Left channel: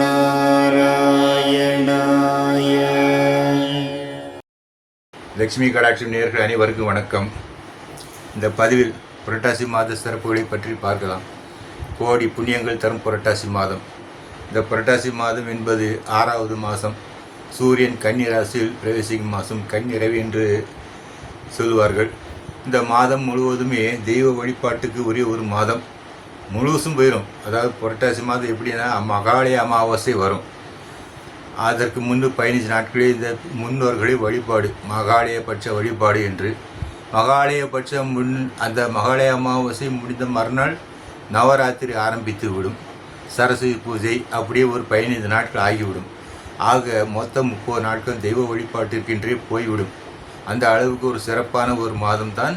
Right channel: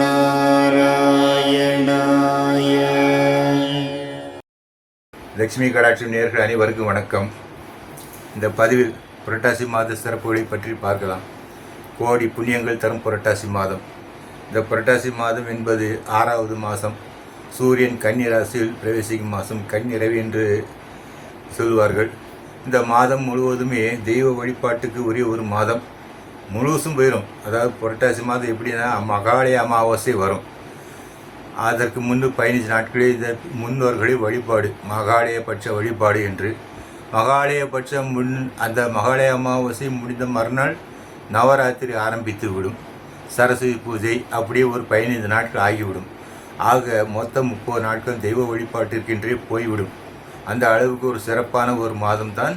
நாராயணாய லட்சுமி கடாட்சி நேர்கள் அனைவருக்கும் வணக்கம். இந்த பதிவில் புரட்டாசி மாத சிறப்புகளை பற்றி பார்க்கலாம். கோடி புண்ணியங்கள் தரும் புரட்டாசி மாதம். இந்த புரட்டாசி மாதம் என்பது ஆறாவது மாதம். சூரியன் கன்னி ராசியில் பிரவேசிக்கும் மாதம் கன்னிரவி என்று சொல்லுவார்கள். இந்த மாதம் முழுவதுமே தெய்வ வழிபாட்டுக்கு உரிய ஒரு மாதம். முழுசும் போயிடும் அதாவது புரட்டாசி மாதம் எப்படின்னா மகாலய அமாவாசை வரும். அதற்கு முன்பு பதினஞ்சு நாட்களே இந்த முன்னோர்களின் வழிபாடு மகாலயபட்ச வழிபாடு என்று. மகாலயபட்சம் முன் அந்த மகாலய அமாவாசை முடிந்த மறுநாள் நவராத்திரி ஆரம்பித்து விடும் சரஸ்வதி பூஜை அப்படியே ஒரு பதினைந்து நாட்கள் ஆகிவிடும். ஆக மொத்தம் முப்பது நாட்கள் தெய்வ வழிபாட்டிற்கென்றே போய்விடும். அந்த அளவுக்கு ஒரு சிறப்பான ஒரு மாதம் தான்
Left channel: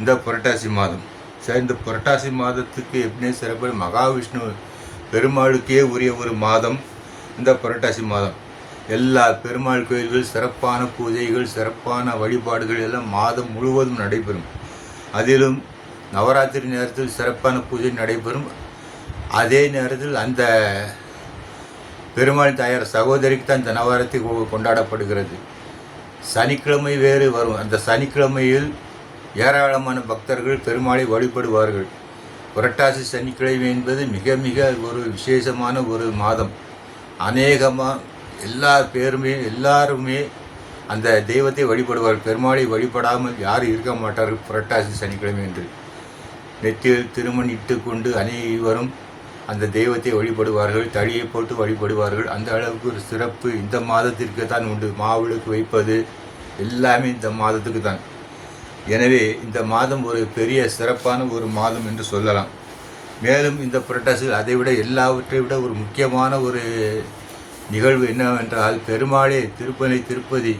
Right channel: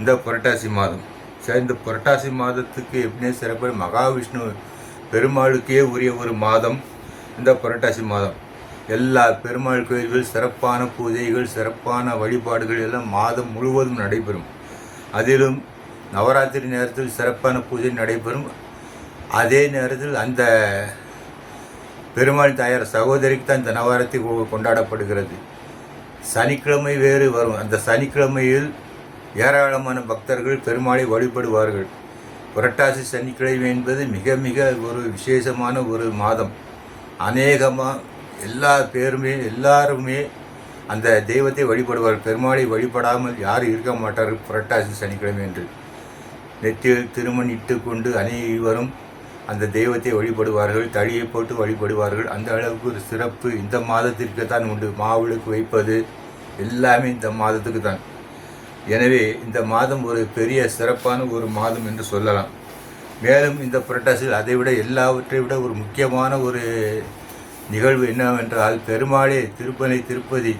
இந்த புரட்டாசி மாதம். சேர்ந்த புரட்டாசி மாதத்துக்கு எப்படியே சிறப்பு மகாவிஷ்ணு பெருமாளுக்கே உரிய ஒரு மாதம் இந்த புரட்டாசி மாதம். எல்லா பெருமாள் கோயில்கள் சிறப்பான பூஜைகள் சிறப்பான வழிபாடுகள் எல்லாம் மாதம் முழுவதும் நடைபெறும். அதிலும் நவராத்திரி நேரத்தில் சிறப்பான பூஜை நடைபெறும். அதே நேரத்தில் அந்த பெருமாள் தாயார் சகோதரிக்கு தான் இந்த நவராத்திரி கொண்டாடப்படுகிறது. சனிக்கிழமை வேறு வரும். அந்த சனிக்கிழமையில் ஏராளமான பக்தர்கள் பெருமாளை வழிபடுவார்கள். புரட்டாசி சனிக்கிழமை என்பது மிக மிக ஒரு விசேஷமான ஒரு மாதம். அநேகமாக எல்லா பேருமே எல்லாருமே அந்த தெய்வத்தை வழிபடுவார் பெருமாளை வழிபடாமல் யாரும் இருக்க மாட்டார்கள் புரட்டாசி சனிக்கிழமை என்று நெத்தியில் திருமண் இட்டு கொண்டு அனைவரும் அந்த தெய்வத்தை வழிபடுவார்கள் தழியை போட்டு வழிபடுவார்கள். அந்த அளவுக்கு ஒரு சிறப்பு இந்த மாதத்திற்கு தான் உண்டு. மாவிளக்கு வைப்பது எல்லாமே இந்த மாதத்துக்கு தான் எனவே இந்த மாதம் ஒரு பெரிய சிறப்பான ஒரு மாதம் என்று சொல்லலாம். மேலும் இந்த புரட்டாசியில் அதைவிட எல்லாவற்றை விட ஒரு முக்கியமான ஒரு நிகழ்வு என்னவென்றால் பெருமாளே திருப்பதி திருப்பதி.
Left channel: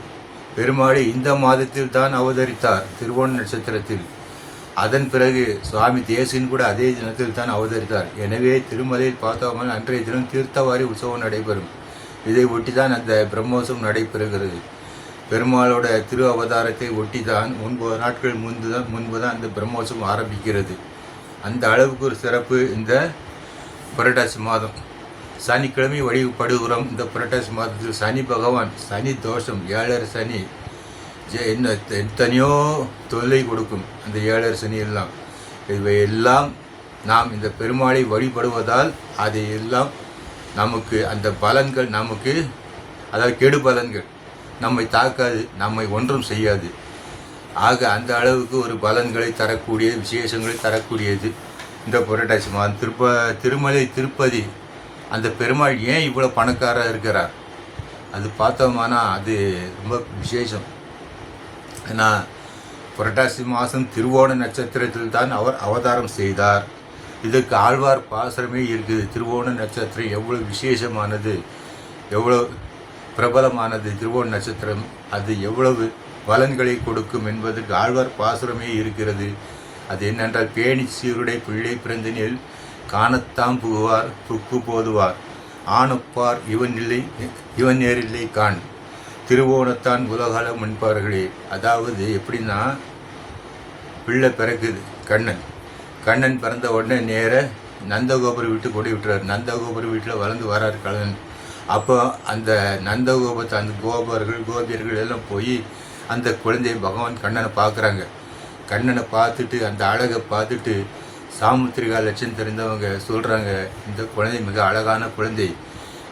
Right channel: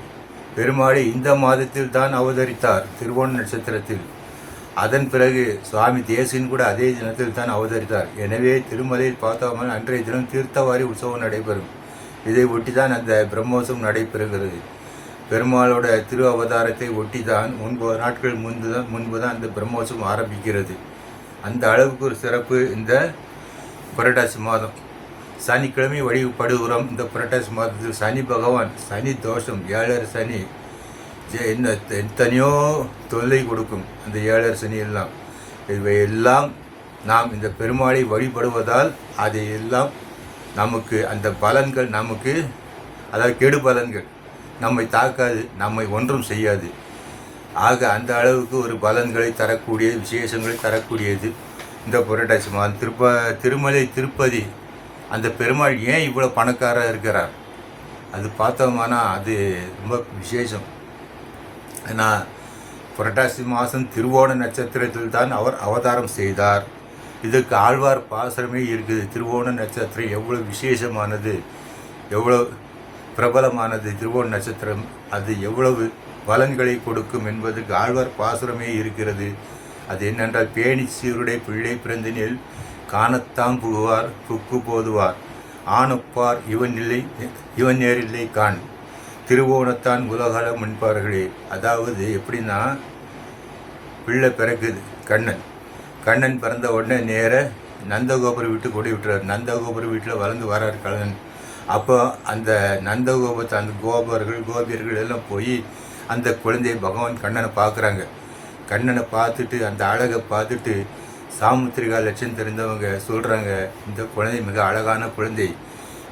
பெருமாளே இந்த மாதத்தில் தான் அவதரித்தார் திருவோண நட்சத்திரத்தில். அதன் பிறகு சுவாமி தேசின் கூட அதே தினத்தில் தான் அவதரித்தார். எனவே திருமலையில் பார்த்தோம்னா அன்றைய தினம் தீர்த்தவாரி உற்சவம் நடைபெறும். இதை ஒட்டி தான் அந்த பிரம்மோற்சவம் நடைபெறுகிறது. பெருமாளோட திரு அவதாரத்தை ஒட்டி தான் ஒன்பது நாட்கள் முன்பு தான் முன்பு தான் இந்த பிரம்மோற்சவம் ஆரம்பிக்கிறது. அந்த அளவுக்கு ஒரு சிறப்பு இந்த புரட்டாசி மாதம். சனிக்கிழமை வழிபடுகிறோம். இந்த புரட்டாசி மாதத்தில் சனி பகவான் சனி தோஷம் ஏழர் சனி என்ன எத்தனையோ தொல்லை கொடுக்கும் அந்த ஏழர் சனி எல்லாம். இவை எல்லாம் நாம் இந்த பெருமாளை வழிபடுவதால் அதையெல்லாம் நமக்கு அந்த பலன்கள் நமக்கு அதாவது கெடு பலன்கள் நம்மை தாக்காது நம்மை ஒன்றும் செய்யாது. ஆக அந்த அளவுக்கு ஒரு பலன்களை தரக்கூடிய விசேஷங்களை தரக்கூடியது இந்த புரட்டாசி மாதம். திருப்ப திருமலை திருப்பதி அந்த பெருமாள் ஏன் இவ்வளோ பணக்காராக இருக்கிறார்? அது பார்த்தோம்னா அது ரொம்ப விசேஷம். ஏன்னா புரட்டாசி மாதம் திருவோண நட்சத்திரத்தில் தான் அவர் அவதாரம் செய்தார். இதுக்கு ஆழ்வார் பாசரமே இருக்குது. திருவோண நட்சத்திரம் எவ்வளோ விசேஷமானது எவ்வளோ பிரபலமானது திருவோண நட்சத்திரம். அது எவ்வளவு பலன்களை கொடுக்கும் என்பதற்கு ஆழ்வார் பாசுரமே இருக்கிறது. அது என்னென்றால் பேணி சீருடை பிள்ளை பிறந்தனில் காணத்தாம் புகுவார் புக்கு போதுவார். ஆணப்பார் இவன் இல்லை இவன் நேரில்லை காண். திருவோணத்தான் உலகால முன்பார்களே. அதாவது எப்படின்னா பிள்ளை பிறக்குது கண்ணன். கண்ணன் பிறந்த உடனே நேர நந்தகோபுர வீட்டு கொடி விட்டுறார் நந்தகோபுர வீட்டில் வளர்ந்து வரார் கண்ணன். அப்போ அந்த நந்தகோபத்தை அந்த கோபர்கள் கோபியர்கள் எல்லாம் போய் அந்த குழந்தையை பகவான் கண்ணனை பார்க்குறாங்க. கண்ணனை பார்த்துட்டு அந்த அழகை பார்த்துட்டு சாமுத்திரிகா லட்சம் தெரிந்தவங்க சொல்கிறாங்க இந்த குழந்தை மிக அழகான குழந்தை.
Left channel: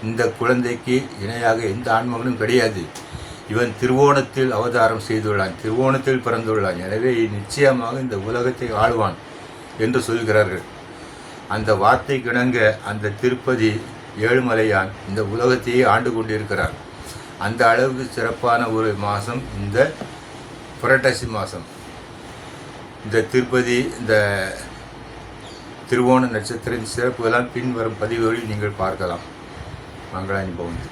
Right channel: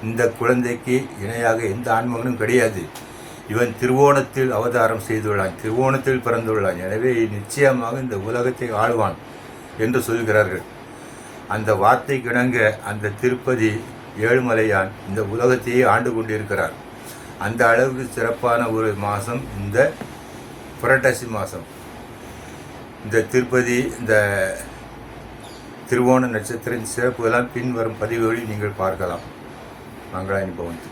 இந்த குழந்தைக்கு இணையாக எந்த ஆன்மகனும் கிடையாது. இவன் திருவோணத்தில் அவதாரம் செய்துள்ளான் திருவோணத்தில் பிறந்துள்ளான். எனவே நிச்சயமாக இந்த உலகத்தை ஆழ்வான் என்று சொல்கிறார்கள். அந்த வார்த்தை கிணங்க அந்த திருப்பதி ஏழுமலையான் இந்த உலகத்தையே ஆண்டு கொண்டிருக்கிறார். அந்த அளவுக்கு சிறப்பான ஒரு மாதம் இந்த புரட்டாசி மாதம். இந்த திருப்பதி இந்த திருவோண நட்சத்திரம் சிறப்புகளாம் பின்வரும் பதிவுகளில் நீங்கள் பார்க்கலாம். மங்களானி பவன்.